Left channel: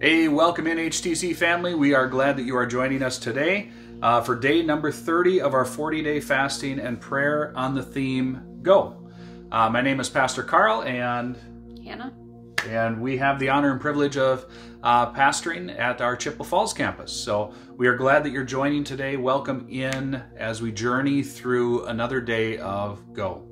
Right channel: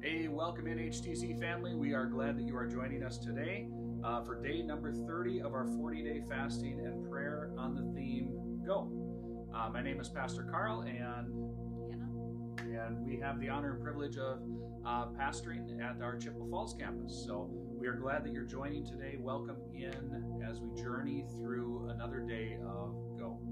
Hey, welcome in HTC family. We are glad that you are joining us today for day number 30 of our 40-day fasting and prayer on the theme Go. My name is Pastor Carl and Hannah. And we have the honor and privilege of pastoring at our Chippewa Falls campus. So we are glad that you're joining today. Welcome in as we journey through another day of Go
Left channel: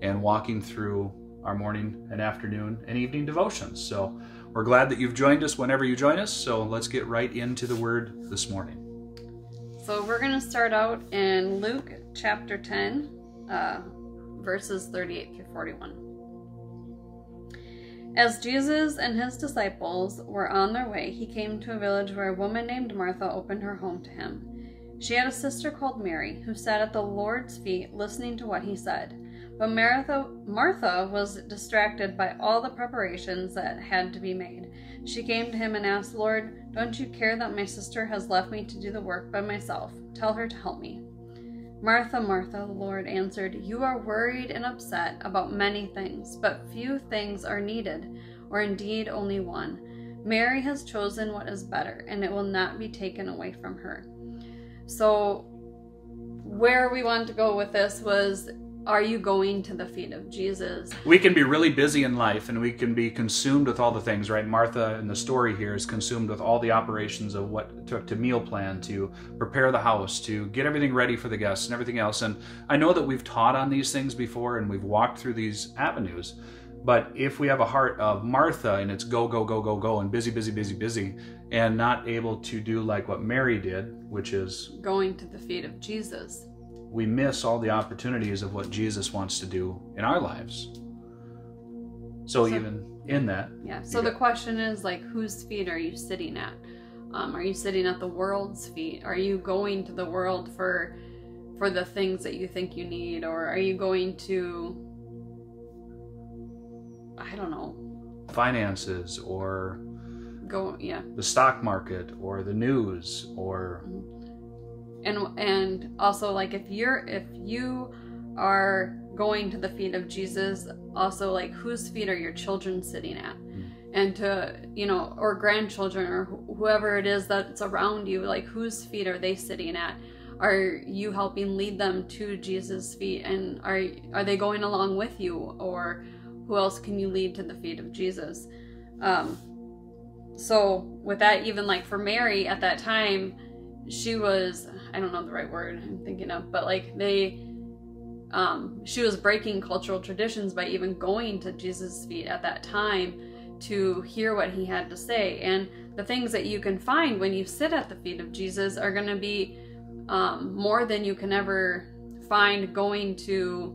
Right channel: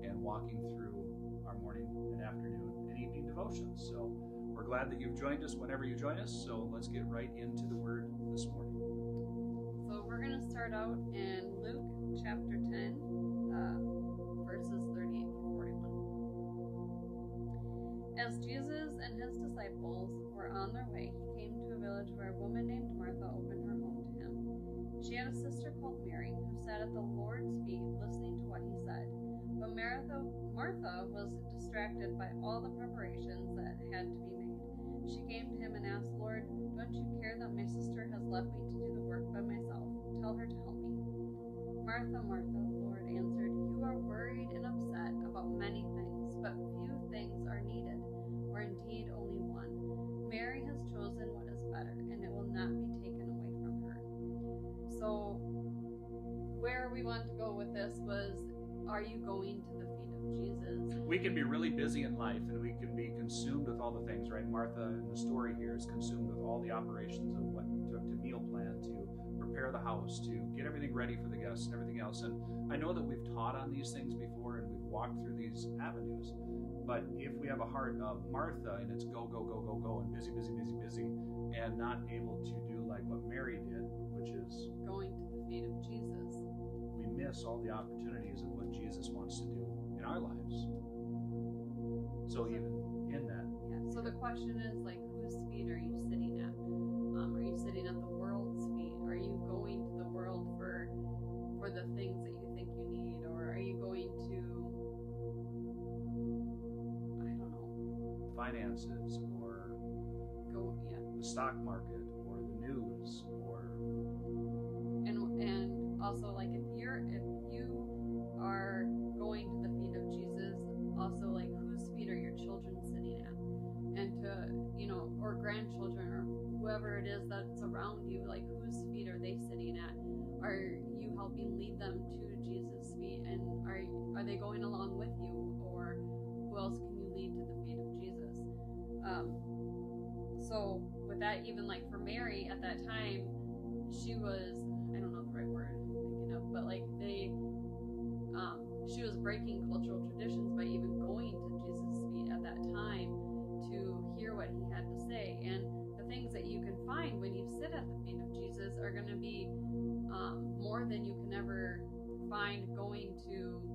and walking through our morning and afternoon and evening devotions. So we're glad that you've joined us whenever you join us. So let's get right into the word this morning. So we're going to start out in Luke chapter 10, verses 38 through 41. As Jesus and his disciples were on their way, he came to a village where a woman named Martha opened her home to him. She had a sister called Mary, who sat at the Lord's feet listening to what he said. But Martha was distracted by all the preparations that had to be made. She came to him and asked, "Lord, don't you care that my sister has left me to do the work by myself? Tell her to help me." "Martha, Martha," the Lord answered, "you are worried and upset about many things, but few things are needed, or indeed only one. Mary has chosen what is better, and it will not be taken away from her." So where we wanted to go with this was, are you going to the feet of Jesus? We can be really busy in life and we can be consumed with all the things, right? Martha in the story here is consumed with all the operations of what it took to meal plan, to prepare the house, to get everything ready for the guests and everything else. And I know that we've taught on these things before and we've walked through these avenues. But if we have a heart of Martha and it's go, go, go, go, go, and busy, busy, busy, busy, and not able to do like what Mary did, which is going to the feet of Jesus, we miss all the opportunities of what Jesus wants to do in our lives. So even in that. Yeah. So the question is, like, whose feet are you sitting at? Are you sitting at the world's feet? Are you going to the world for the things that you think you need? Or are you going to, I don't know, finances or the stock market or the news or... And also, like, if you are going to the feet of Jesus, also, like, whose feet are your children sitting at? And to, or grandchildren or whoever it is that's around you, like, whose feet are they sitting at? Are you helping lead them to Jesus' feet? And are they going along with you? Or who else can you lead to the feet of Jesus? So with that, even like for Mary at that time, she was, I don't know the right word I'm thinking of, but like she was breaking cultural traditions by even going to Jesus' feet at that time to hear what he had to say. And the things that you can find when you sit at the feet of Jesus are going to be more than you can ever find going to,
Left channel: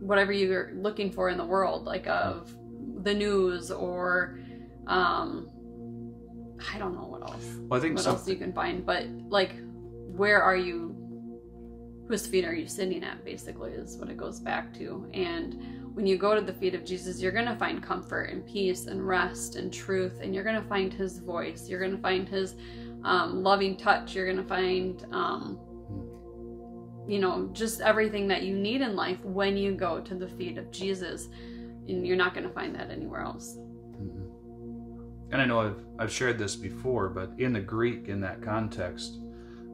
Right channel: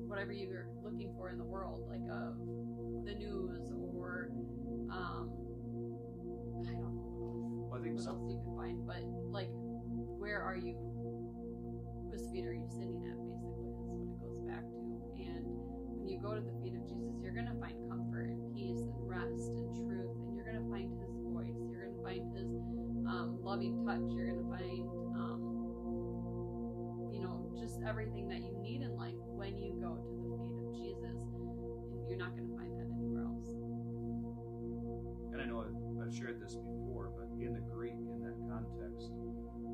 whatever you're looking for in the world, like of the news or, I don't know what else. Well, I think what else you can find, but like, where are you? Whose feet are you sitting at? Basically, is what it goes back to. And when you go to the feet of Jesus, you're gonna find comfort and peace and rest and truth, and you're gonna find His voice. You're gonna find His loving touch. You're gonna find, just everything that you need in life when you go to the feet of Jesus, and you're not gonna find that anywhere else. And I know I've shared this before, but in the Greek, in that context,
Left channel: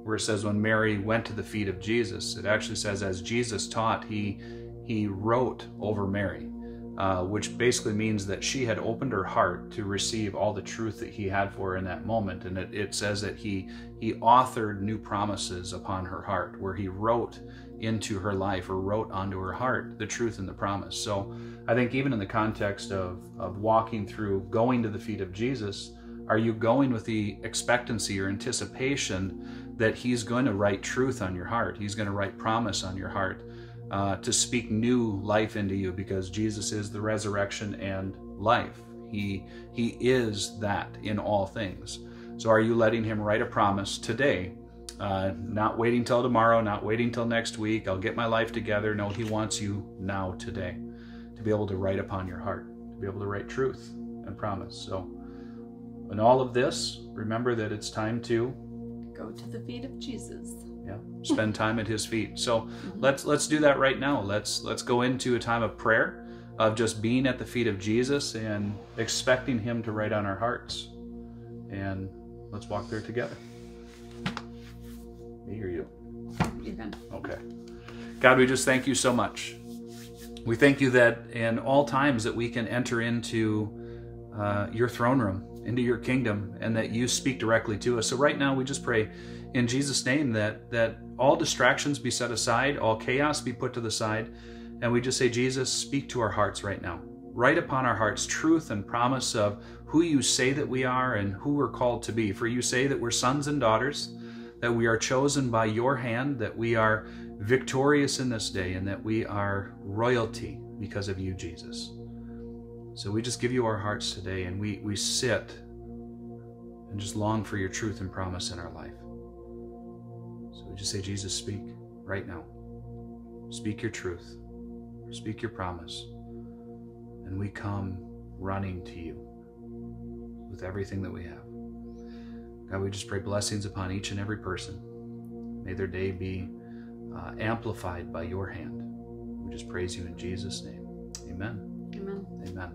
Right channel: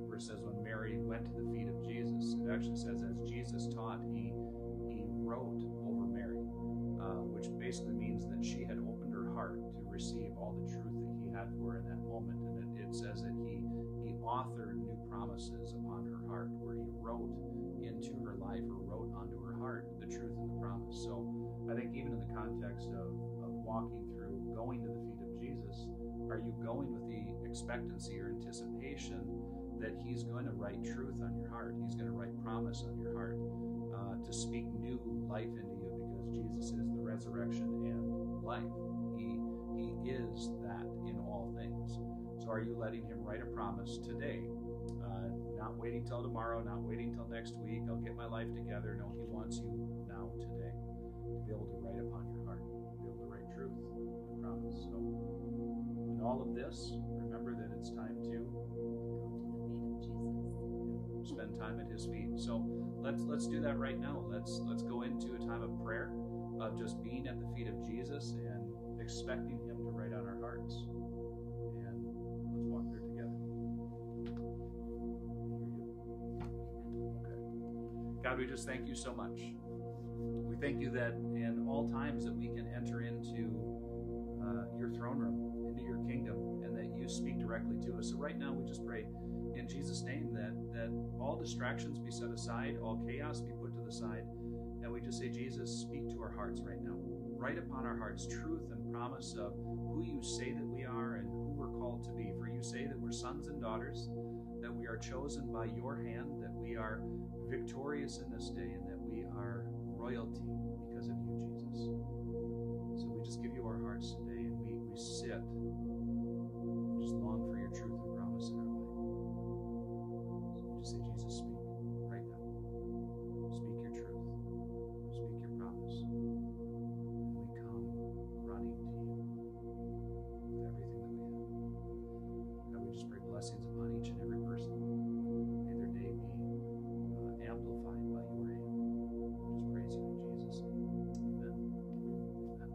where it says when Mary went to the feet of Jesus, it actually says as Jesus taught, he wrote over Mary, which basically means that she had opened her heart to receive all the truth that he had for her in that moment. And it says that he authored new promises upon her heart, where he wrote into her life or wrote onto her heart the truth and the promise. So I think even in the context of walking through going to the feet of Jesus, are you going with the expectancy or anticipation that he's going to write truth on your heart? He's going to write promise on your heart, to speak new life into you, because Jesus is the resurrection and life. He is that in all things. So are you letting him write a promise today? Not waiting till tomorrow, not waiting till next week, I'll get my life together. No, he wants you now, today, to be able to write upon your heart, to be able to write truth and promise. So in all of this, remember that it's time to go to the feet of Jesus. Yeah, spend time at his feet. So let's do that right now. Let's go into a time of prayer. of just being at the feet of Jesus and expecting him to write on our hearts. And let's walk there together. Me or you? You can. Okay. God, we just thank you so much. We thank you that in all times that we can enter into your throne room, into your kingdom, and that you speak directly to us. So right now we just pray in Jesus' name that all distractions be set aside, all chaos be put to the side, and we just say, Jesus, speak to our hearts right now. Write upon our hearts truth and promise of who you say that we are and who we're called to be. For you say that we're sons and daughters, that we are chosen by your hand, that we are victorious in this day, and that we are royalty because of you, Jesus. So we just give you our hearts today, and we sit and just long for your truth and promise in our life. So we just say, Jesus, speak right now. Speak your truth. Speak your promise. And we come running to you with everything that we have. God, we just pray blessings upon each and every person. May their day be amplified by your hand. We just praise you in Jesus' name. Amen. Amen. Amen.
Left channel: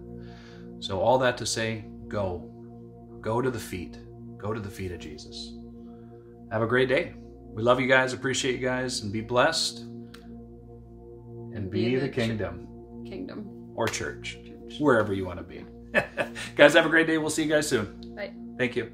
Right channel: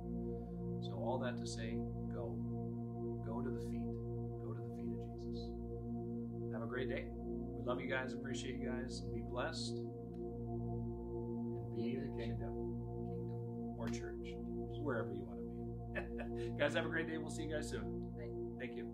So all that to say, go. Go to the feet. Go to the feet of Jesus. Have a great day. We love you guys, appreciate you guys, and be blessed. And be the kingdom. Kingdom. Or church. Wherever you want to be. Guys, have a great day. We'll see you guys soon. Bye. Thank you.